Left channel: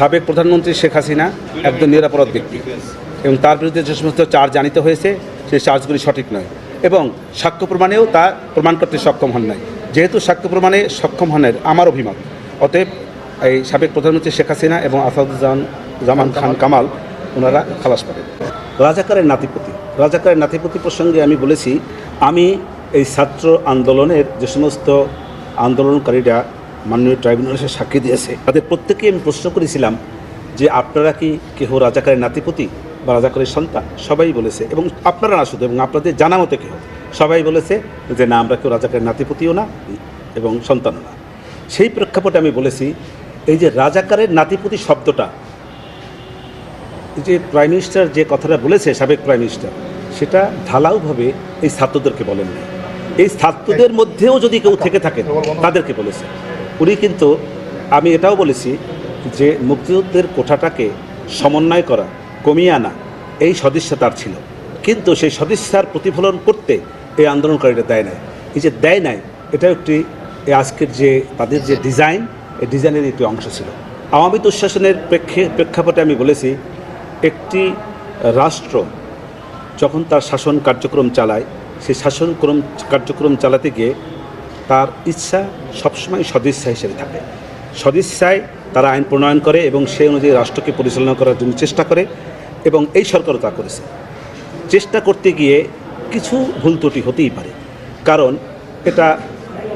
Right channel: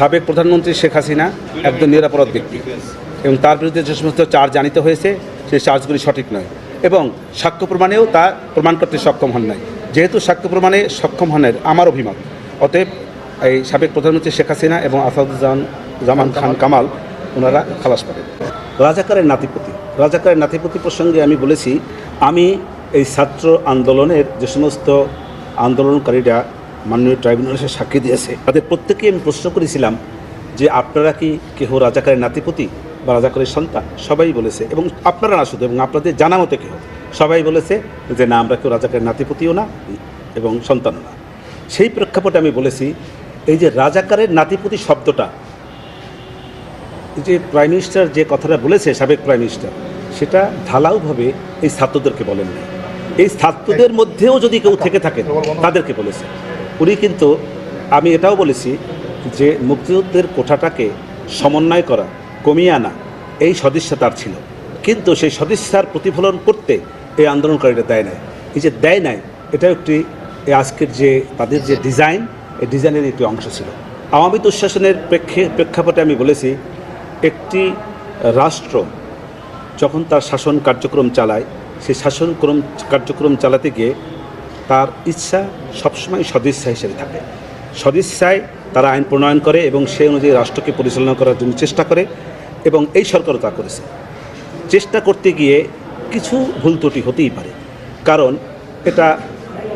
সাবেক প্রধানমন্ত্রী শেখ হাসিনা একজন নিরাপরাধ ব্যক্তি এবং তার বিরুদ্ধে যে সমস্ত চার্জ জানিত হয়েছে, সেই চার্জগুলি সঠিক নয় এবং সাক্ষ্য প্রমাণেও তা প্রমাণ করতে সক্ষম হন নাই। যেহেতু সাক্ষ্য প্রমাণে সক্ষম হনের আমার অভিমত, অতএব এই সাবেক প্রধানমন্ত্রী শেখ হাসিনা এবং আসাদুজ্জামান জামান খান কামাল, ওনারা খালাস পাবেন। রাজাকারের নাতিপতি রাজাকারের নাতিপতি প্রসঙ্গে আমি বলেছি, আমি এই ছাত্র আন্দোলনের যে সমস্ত আন্দোলনকারীরা মাননীয় ট্রাইব্যুনাল এসে সাক্ষী দিয়েছে। তাদের প্রত্যেকেই আমি প্রশ্ন করেছিলাম যে আপনারা কি কেহ রাজাকারের নাতিপতি বা রাজাকারের সন্তান? সবাই বলেছে এবং আপনারা না শুধু, এবং আপনাদের জানা মতে কেউ সবাই বলেছে যে না, আমরা কেউ রাজাকারের নাতিপতিও না এবং সন্তানও না। সেই প্রেক্ষাপটে আমি বলেছি, এই যে রাজাকারের নাতিপতি শব্দটা, এই যে প্রাইম মিনিস্টার যে কথাটা বলেছে, সাবেক প্রাইম মিনিস্টার, সেটা ঢালাওভাবে এই ছাত্রদেরকে বলেন এই ছাত্রদের মধ্যেও যদি কেউ থেকে থাকেন তাদেরকে বলেছে। উনি কিন্তু, আমি এটাও বলেছি যে মুক্তিযুদ্ধের কোঠাটাকে সমন্বয় করা, কমিয়ে আনা, এই সদিচ্ছা তার ছিল। কিন্তু সেই সদিচ্ছার প্রতিফলন করতে এই আন্দোলনকারীরা দেয় নাই। এই যে দেয় নাই এটা একটি আজকের যে তাদের যে ডিজাইন, এই ডিজাইনের একটি অংশ ছিল। আওয়ামী দুঃশাসনের প্রেক্ষে, প্রেক্ষাপটে আমি বলেছি, একটি রাষ্ট্র যখন তার শাসন কার্যক্রম চালায়, সেই শাসনক্রম কার্যক্রম চালাতে গিয়ে তার ইচ্ছা সবসময় সদিচ্ছা হিসেবে থাকে। সদিচ্ছায় তারা আইন প্রণয়ন করে এবং সেই অনুযায়ী রাষ্ট্রকে পরিচালনা করার জন্য চেষ্টা করে এবং এই সরকারও তা করেছে। চেষ্টা করতে গিয়ে কিছু ভুল ত্রুটি হতেই পারে। কারণ এটা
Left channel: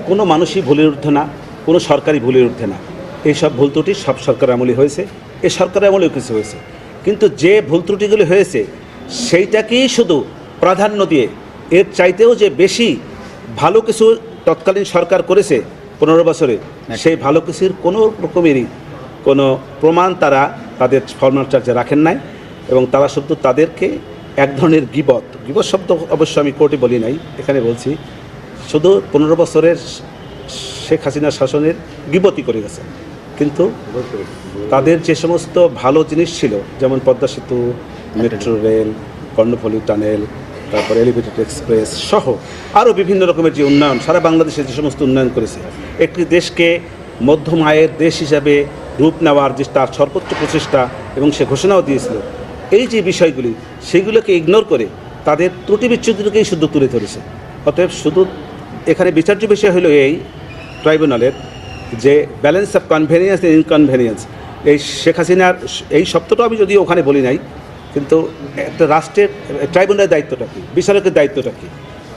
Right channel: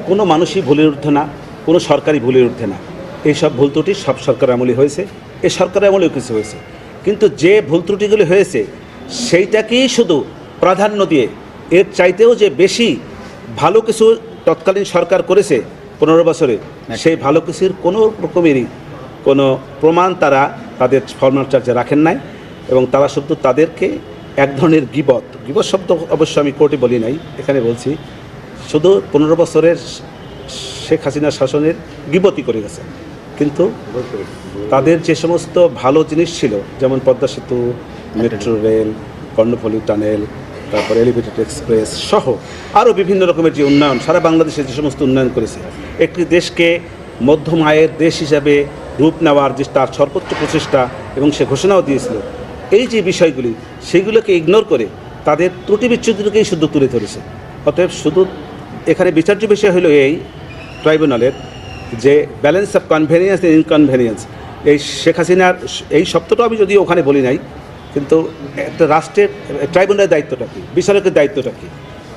কোনো মানুষই ভুলের ঊর্ধ্বে না, কোনো সরকারি ভুলের ঊর্ধ্বে না। এইসব ভুল ত্রুটি সব সরকার আমলে হয়েছে। এই সরকার আমলেও কিছু হয়েছে। কিন্তু যে ভুল ত্রুটিগুলি হয়েছে, সেইটাকেই শুধু প্রাধান্য দিয়ে এর চাইতেও যে বেশি ভালো কিছু তৎকালীন সরকার করেছে পনেরো বছরে সেই ভালো কিছুর কোনো রকমেরই কোনো প্রমাণ তারা তাদের ফর্মাল চার্জে রাখেন নাই এবং তারা শুধু তাদেরকে এক ধরনের গিবত গিবত শব্দ অবশ্য আমি কোর্টে বলি নাই এখানে বলছি শুধু পনেরো বছরের শেখ হাসিনার শাসনের গিবতি করে গেছে। কিন্তু তাদের যে সমস্ত ভালো জিনিস ছিল যেমন Padma Setu metro rail Karnaphuli tunnel তারপর এলিভেটেড এক্সপ্রেস সহ আরও বিভিন্ন রকমের যে উন্নয়ন, সারা বাংলাদেশে যে সমস্ত উন্নয়ন করেছে, একটি দেশকে মধ্যম আয়ের দেশ হিসাবে রূপ নেওয়ার যে তার সর্বোচ্চ প্রচেষ্টা এবং সে ঘোষণাও দিয়েছিল, এই যে বিষয়গুলি, সেগুলোকে ইগনোর করে তাদের ত্রুটি বিচ্ছুতিকেই শুধু তুলে ধরেছে। অতএব শুধু এখানে বিচার্য বিষয় হলো এই ট্রাইব্যুনালের যে ব্যালেন্স অফ কনভেনিয়েন্স ইনকনভেনিয়েন্স এই শেখ হাসিনার এই শব্দটা আমি যদিও ওখানে বলি নাই কিন্তু একটা রাষ্ট্রের ট্রাইব্যুনালের দায়িত্বটা কী? বিচারকের দায়িত্বটা কী?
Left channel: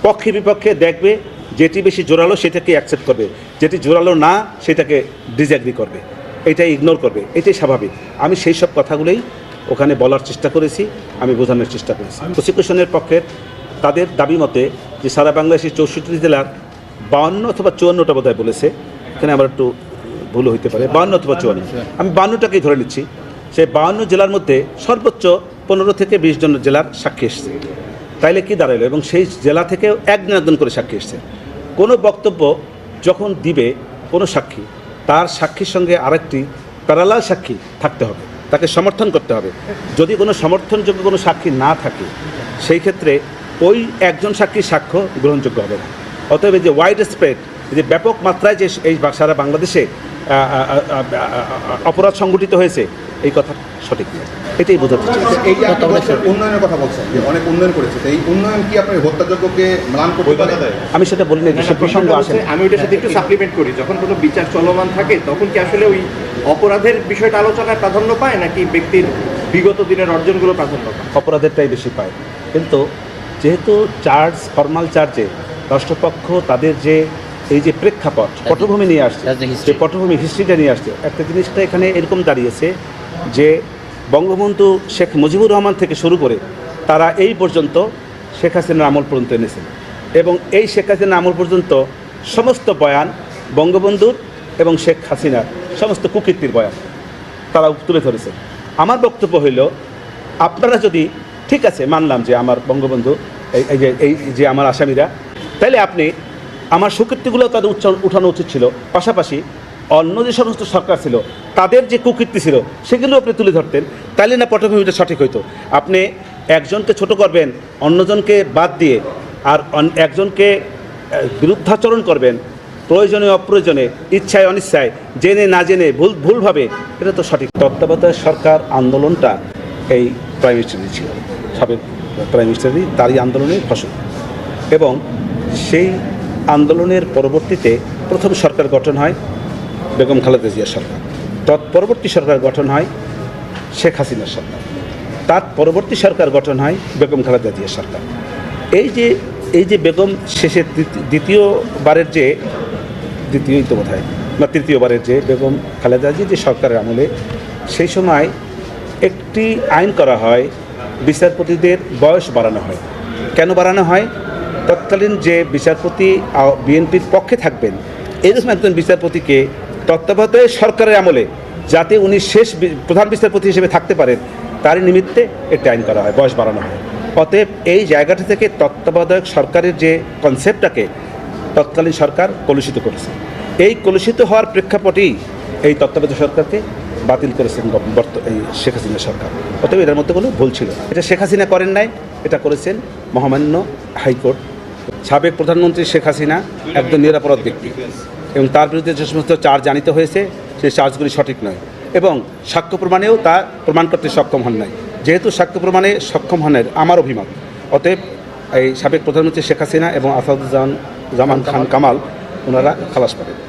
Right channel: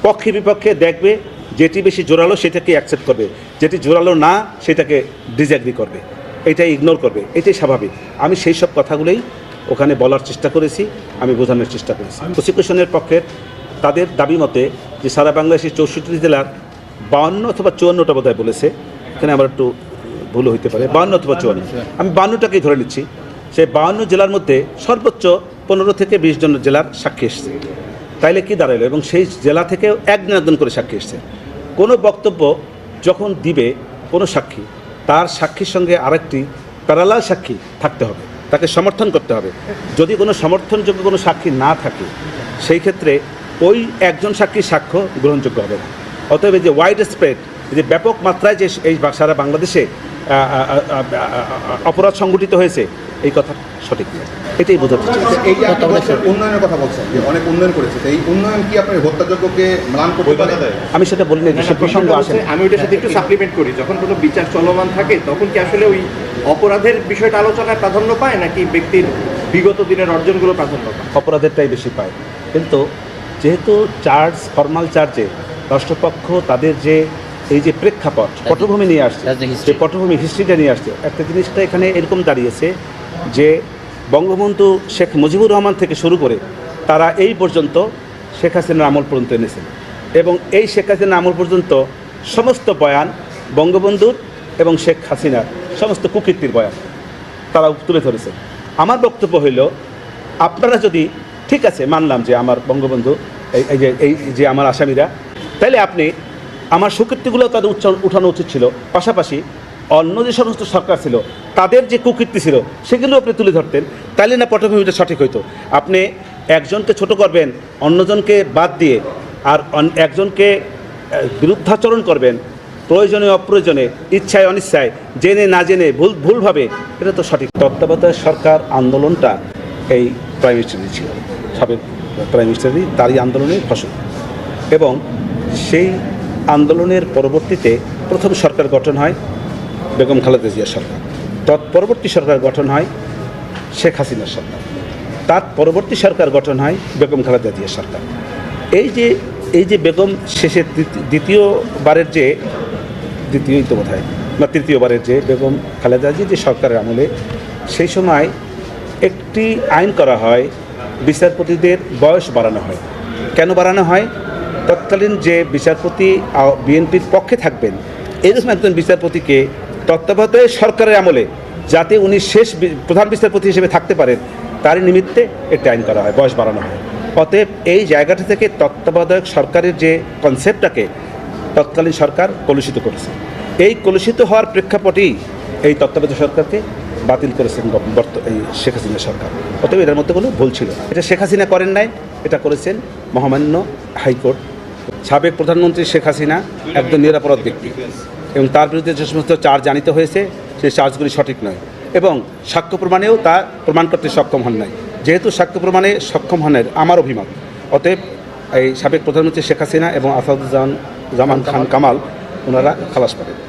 পক্ষে বিপক্ষে দেখবে যেটি বেশি জোরালো সেটাকে অ্যাকসেপ্ট করবে। যেটি জোরালো না, সেটাকে ডিসঅ্যাগ্রি করবে। এটাই ইগনোর করবে। এটাই স্বাভাবিক। আমি সেই সব কথাগুলোই ওখানে বলার চেষ্টা করেছি, আমি বোঝানোর চেষ্টা করেছি। প্রসিকিউশনের পক্ষে তাদের দাবি মতে যে সারা বাংলাদেশের চৌষট্টি জেলার বাউন্ন অথবা চুয়ান্নটা বোধহয় বলেছে। এখানে আমার একটু ভুল হইতে পারে। বাউন্ন অথবা চুয়ান্ন। আমি বাউন্নটাকেই ধরে নিচ্ছি। সেই বাউন্ন জেলার মধ্যে সর্বোচ্চ পনেরো থেকে বিশ জন জেলার সাক্ষী এসছে। তাইলে কি দাঁড়াল এবং সেই জেলা থেকেও একদিন একদিন করে সাক্ষী এসছে। কোনো বক্তব্য যখন দিবে কোনো সাক্ষী, তার সাক্ষীর সঙ্গে আরেকটি প্যারালাল সাক্ষী থাকতে হবে। তাকে সমর্থন করতে হবে। যদি কোনো সমর্থনযোগ্য কোনো সাক্ষী না থাকে, সেই ক্ষেত্রে ওই একজন সাক্ষীর সাক্ষ্য গ্রহণযোগ্য হবে অতএব যে ওয়াইড স্প্রেড যে ব্যাপক মাত্রায় যে এই সারা বাংলাদেশে অপরাধ সংগঠিত হয়েছে, এই কথা সঠিক নয়। এটাই বোঝাতে চাইছি এই যে আপনি বলছেন উন্নয়নের কথা বলছেন যে অনেক উন্নয়ন করেছে তো এই উন্নয়ন কি আপনার হত্যাযোগ্যকে ম্লান করতে পারে আমি সেটা বলি না যে সে প্রসঙ্গ আসে না। আমি ওইটার সাথে একটু সাপ্লিমেন্ট করি। যখন কোনো বিচার চলমান থাকে তখন কি আসলে ওই অপরাধের বিষয়টা আলোচনায় প্রাধান্য পায় নাকি ব্যক্তির বিগত দিনের অর্জনগুলো প্রাধান্য পায়? অপরাধেরটাই বেশি পায়। কিন্তু যেহেতু চার্জ ফর্মাল চার্জে রাষ্ট্রপক্ষ তাদের যে এই যে প্রেক্ষাপট পটভূমি নিয়ে আসছে That's the history. যে পটভূমি হিস্ট্রিটা নিয়ে আসছে একটা জিনিসটা এখানে এরকম দাঁড়িয়েছে যে বঙ্গবন্ধু শেখ মুজিবুর রহমান থেকে শুরু করে তারা এই পর্যন্ত শেখ হাসিনার আমল পর্যন্ত এনেছেন। এবং এই শেখ হাসিনার আমল পর্যন্ত সমস্ত বয়ান বঙ্গবন্ধুর এবং শেখ হাসিনার সমস্ত কুকীর্তির বয়ান তারা তুলে ধরেছে আমার বক্তব্য হইল, আপনারা যদি, ঠিক আছে, মানলাম যে আমার বঙ্গবন্ধু, এই যে এই যে আমার আসামিরা তাহলে আপনি, আমার সুকীর্তিগুলো তাদের উচ্চ উঠানো উচিত ছিল। পাশাপাশি অন্য যে সমস্ত সরকার ছিল, তাদের যে কুকীর্তি ছিল, সেগুলো আপনি তুলে ধরতেন। তাহলে না পটভূমিটা সঠিক হইতো। আপনি একজনকে ছোট করবেন, অন্যজনকে বাদ দিয়ে, আর একজনকে বিরুদ্ধাচরণ করবেন, প্রয়োজনে অপ্রয়োজনে, ইচ্ছায় অনিচ্ছায়, জেনে না জেনে, ভুল, ভুলভাবে, এটা তো সঠিক। তত্ত্বাবধায়ক সরকার আন্দোলনটা এই প্রাইম মিনিস্টারই ছিল। সাবেক প্রাইম মিনিস্টারই তারই আন্দোলনের ফসল। এবং সেই আন্দোলনের পরবর্তীতে প্রথম সরকার গঠন হয় বেগম খালেদা জিয়া সরকার। তৎপরবর্তী সরকার গঠন হয় শেখ হাসিনা সরকার। তার পরবর্তী সরকার গঠন হয় বেগম খালেদা জিয়া সরকার। এই যে এই যে বেগম শেষের দ্বিতীয়বারের যে দ্বিতীয়ই তো বোধ হয় বা তৃতীয়বারের যে বেগম খালেদা জি যে সরকারের আমলে, সেই সময় একটি আইন করা হয়, বিচারপতিদের বয়স বাড়ানো হয়। কেন বাড়ানো হয়? তৎকালীন যে বিচারপতি বিএনপির পক্ষে থাকবেন, এরকম একজন বিচারপতিকে তত্ত্বাবধায়ক সরকারের আমলে যাতে উনি শেষ প্রধান বিচারপতি হিসেবে থাকতে পারেন তার নিমিত্তে এটা আইন করা হয়, বয়স বাড়ানো হয়। অতএব এই জায়গাটি থেকে তত্ত্বাবধায়ক সরকারের যে কনসেপ্টটাকে তৎকালীন সরকার কলুষিত করেছে। এই কলুষিত হওয়ার প্রেক্ষাপটেই এই তত্ত্বাবধায়ক সরকারকে বাতিল করেছেন এই শেখ হাসিনা সরকার। অতএব এটার মধ্যে কোনো ভুল ছিল এটা শেখ হাসিনা করেন নাই, এটা করেছেন মহামান্য হাইকোর্ট। সাবেক প্রধানমন্ত্রী শেখ হাসিনা একজন নিরাপরাধ ব্যক্তি। এবং তার বিরুদ্ধে যে সমস্ত চার্জ জানিত হয়েছে, সেই চার্জগুলি সঠিক নয়। এবং সাক্ষ্য প্রমাণেও তা প্রমাণ করতে সক্ষম হন নাই। যেহেতু সাক্ষ্য প্রমাণে সক্ষম হনের আমার অভিমত, অতএব এই সাবেক প্রধানমন্ত্রী শেখ হাসিনা এবং আসাদুজ্জামান জামান খান কামাল, ওনারা খালাস পাবেন।